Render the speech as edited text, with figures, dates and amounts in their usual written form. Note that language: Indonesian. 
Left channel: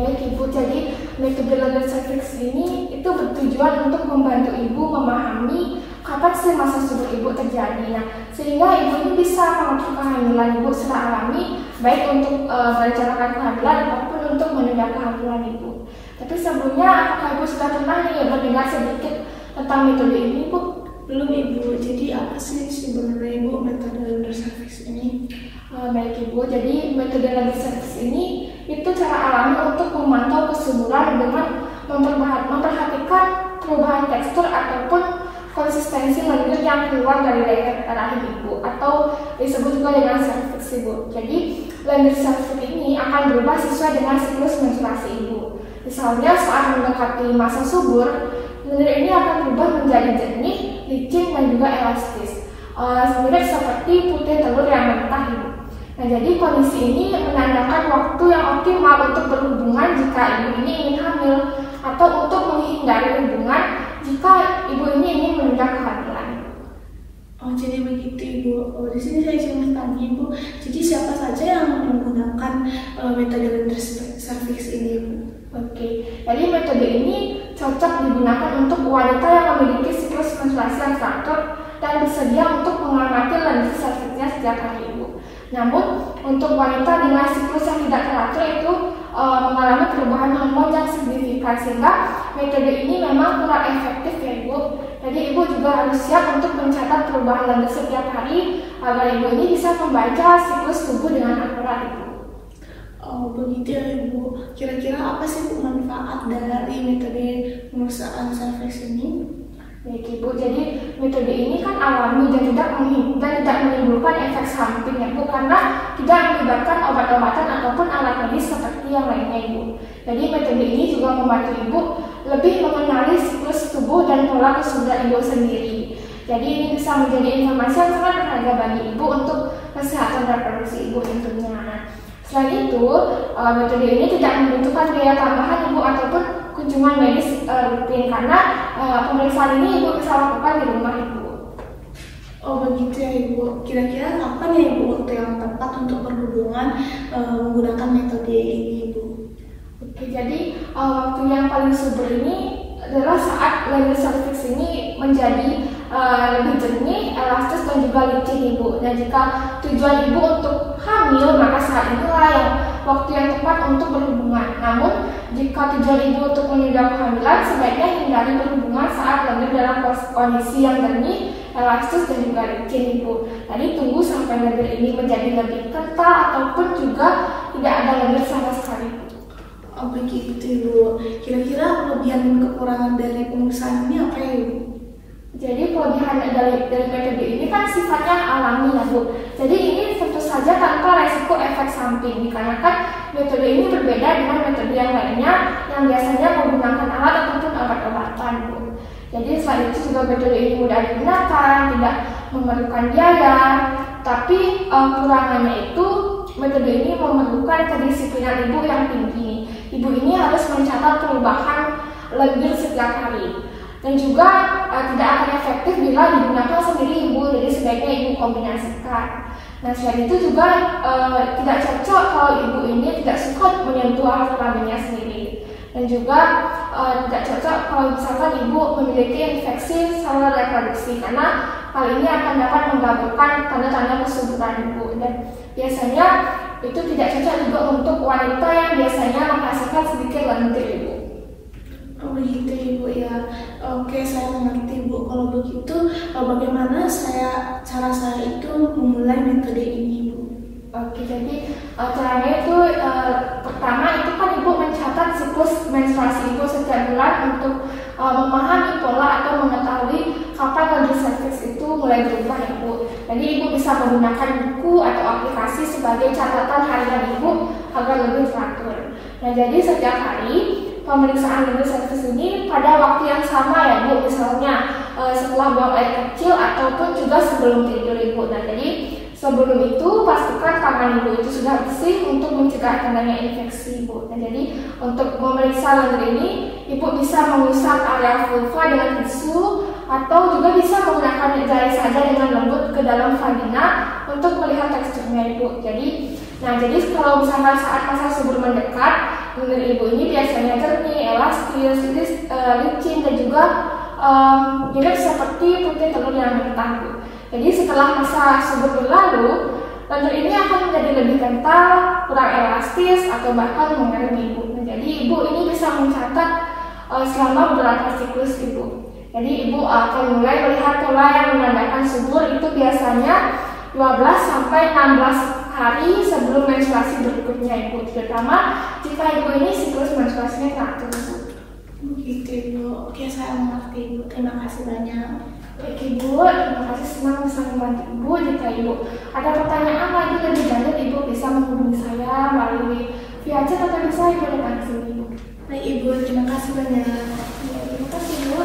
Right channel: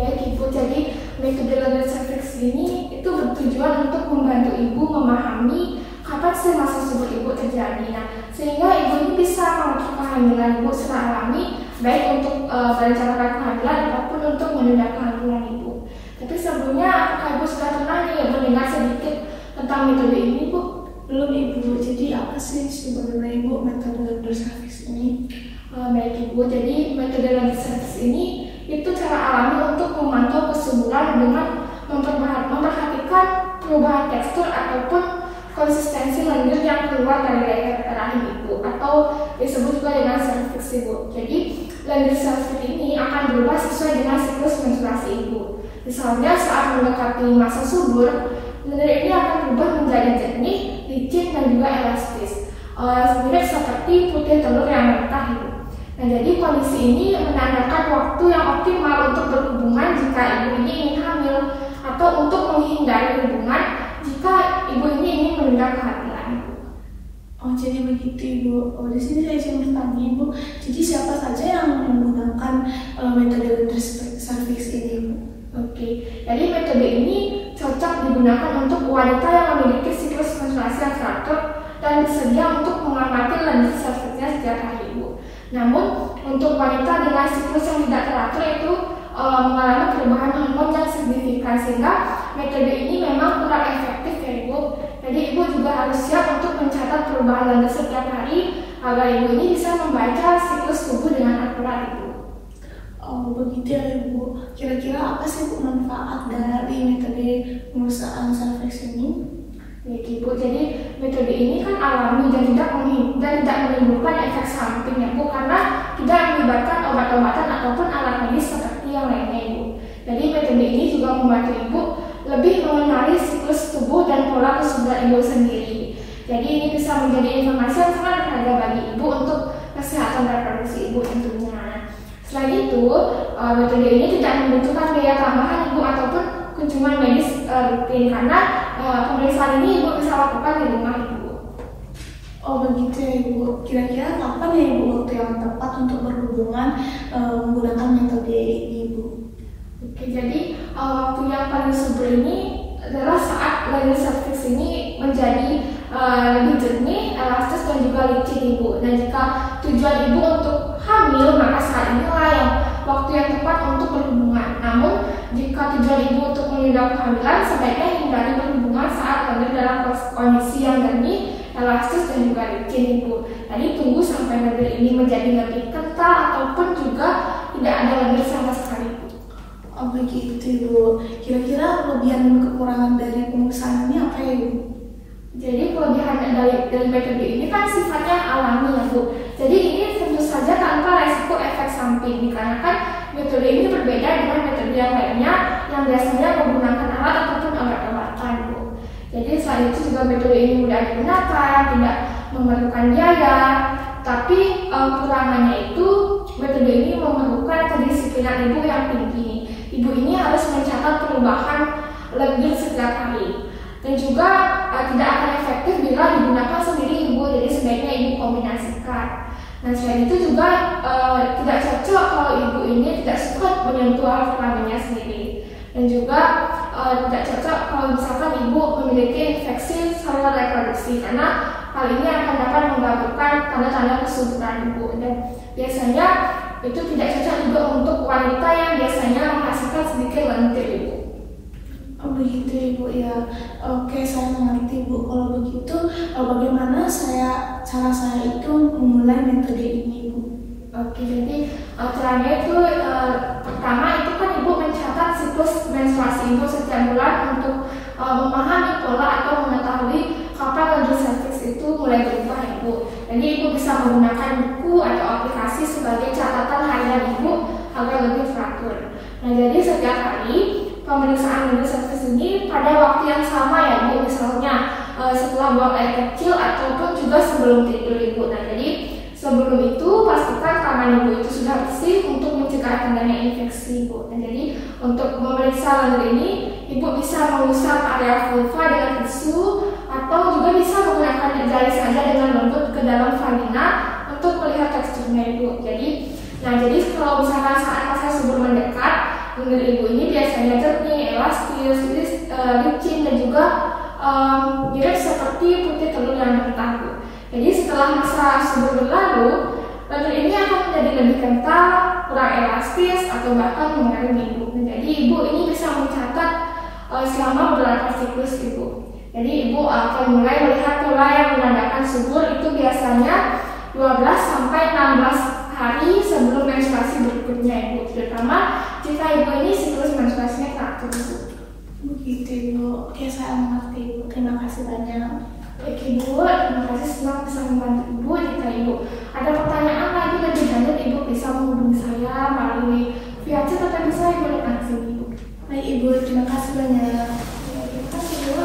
Baik Ibu, jadi metode laser cervix ini itu bertujuan untuk membantu Ibu memahami kapan sih masa subur Ibu terjadi. Nah, sehingga Ibu ini bisa mengatur kehamilan Ibu secara alami, baik untuk merencanakan kehamilan ataupun untuk menunda kehamilan Ibu. Tapi sebelumnya, apakah Ibu sudah pernah mendengar sedikit tentang metode ini, Bu? Belum Ibu, jadi apa sih sebenarnya Ibu metode laser cervix ini? Baik Ibu, jadi metode laser cervix ini itu cara alami untuk memantau kesuburan dengan memperhatikan perubahan tekstur ataupun konsistensi lendir yang keluar dari leher rahim Ibu, atau disebut juga dengan cervix Ibu. Jadi lendir cervix ini akan berubah sesuai dengan siklus menstruasi Ibu. Misalnya saat mendekati masa subur, lendir ini akan berubah menjadi jernih, licin, dan juga elastis, mirip seperti putih telur yang mentah Ibu. Nah, jadi kondisi ini menandakan waktu yang optimal untuk berhubungan jika Ibu ini ingin hamil, atau untuk menghindari hubungan jika Ibu ini ingin menunda kehamilan. Oh, jadi begitu Ibu. Oh, di sini saya cuma bertanya Ibu. Jadi siapa saja yang menggunakan metode laser cervix ini Ibu? Oke, jadi metode ini cocok digunakan untuk wanita yang memiliki siklus menstruasi yang teratur dan bersedia untuk mengamati lendir cervixnya setiap hari Ibu. Namun, untuk wanita dengan siklus yang tidak teratur itu mengalami perubahan hormon yang signifikan, sehingga metode ini memang kurang efektif ya Ibu. Jadi Ibu juga harus siap untuk mencatat perubahan lendir setiap hari agar Ibu ini bisa membaca siklus tubuh dengan akurat Ibu. Oh, begitu ya Ibu. Kira-kira apa sih manfaat dari metode pemeriksaan cervix ini? Baik Ibu, jadi metode ini kan alami dan tidak menimbulkan efek samping ya Bu, karena tidak melibatkan obat-obatan ataupun alat medis seperti yang lainnya Ibu. Jadi metode ini juga membantu Ibu lebih mengenali siklus tubuh dan pola kesuburan Ibu sendiri. Jadi ini bisa menjadi informasi yang sangat berharga bagi Ibu untuk kesehatan reproduksi Ibu tentunya. Selain itu, metode ini tidak membutuhkan biaya tambahan Ibu ataupun kunjungan medis rutin, karena pemeriksaan ini Ibu bisa lakukan di rumah Ibu. Oh begitu ya Ibu. Kira-kira kapan ya Ibu waktu yang tepat untuk berhubungan menggunakan metode ini Ibu? Oke, jadi waktu yang paling subur ini adalah saat lendir cervix ini menjadi lebih jernih, elastis, dan juga licin Ibu. Nah, jika tujuan Ibu untuk hamil, maka saat inilah yang waktu yang tepat untuk berhubungan. Namun, jika tujuan Ibu untuk menunda kehamilan, sebaiknya hindari berhubungan saat lendir dalam kondisi yang jernih, elastis, dan juga licin Ibu. Jadi tunggu sampai lendir ini menjadi lebih kental ataupun juga tidak ada lendir sama sekali. Oh begitu Ibu. Kira-kira kelebihan dan kekurangan dari pemeriksaan ini apa ya Ibu? Jadi kelebihan dari metode ini kan sifatnya alami ya Bu. Jadi ini tentu saja tanpa resiko efek samping, dikarenakan metode ini berbeda dengan metode yang lainnya yang biasanya menggunakan alat ataupun obat-obatan Bu. Jadi selain itu juga metode ini mudah digunakan, tidak memerlukan biaya. Tapi kurangannya itu metode ini memerlukan kedisiplinan Ibu yang tinggi. Ibu ini harus mencatat perubahan lendir setiap hari. Dan juga tidak akan efektif bila digunakan sendiri Ibu, jadi sebaiknya Ibu kombinasikan. Nah, selain itu juga tidak cocok kalau Ibu ini tidak suka menyentuh alat kelaminnya sendiri. Dan juga tidak cocok kalau misalkan Ibu memiliki infeksi saluran reproduksi, karena hal ini akan dapat menggabungkan tanda-tanda kesuburan Ibu. Dan biasanya itu tidak cocok juga untuk wanita yang biasanya merasakan sedikit lendir Ibu. Oh begitu Ibu ya. Oke, saya mengerti Bu. Kalau begitu, bagaimana cara saya itu memulai metode ini Ibu? Oke, jadi caranya itu pertama itu kan Ibu mencatat siklus menstruasi Ibu setiap bulan untuk memahami pola atau mengetahui kapan lendir cervix itu mulai berubah Ibu. Jadi Ibu bisa menggunakan buku atau aplikasi sebagai catatan harian Ibu agar lebih teratur. Nah, jadi setiap hari pemeriksaan lendir cervix ini pada waktu yang sama ya Bu, misalnya setelah buang air kecil ataupun juga sebelum tidur Ibu. Nah, jadi sebelum itu pastikan tangan Ibu itu sudah bersih untuk mencegah adanya infeksi Ibu. Nah, jadi untuk memeriksa lendir ini Ibu bisa mengusap area vulva dengan tisu atau juga bisa menggunakan jari saja dengan lembut ke dalam vagina untuk melihat teksturnya Ibu. Jadi kalau misalkan saat masa subur mendekat, menurut ibu ini biasanya jernih, elastis, licin dan juga mirip seperti putih telur yang mentah, Bu. Jadi setelah masa subur berlalu, lendir ini akan menjadi lebih kental, kurang elastis, atau bahkan mengering, Ibu. Jadi ibu ini bisa mencatat selama beberapa siklus, Ibu. Jadi ibu akan mulai melihat pola yang menandakan subur itu biasanya 12 sampai 16 hari sebelum menstruasi berikutnya, Ibu. Terutama jika ibu ini siklus menstruasinya teratur, Ibu. Begitu, Ibu. Oke, saya mengerti, Ibu. Terima kasih banyak. Baik, Ibu, terima kasih, senang bisa membantu Ibu. Jika Ibu ada pertanyaan lagi lebih lanjut, Ibu bisa menghubungi saya melalui via chat atau bisa Ibu datang ke sini, Ibu. Baik, Ibu. Terima kasih banyak. Ya, terima kasih, Ibu.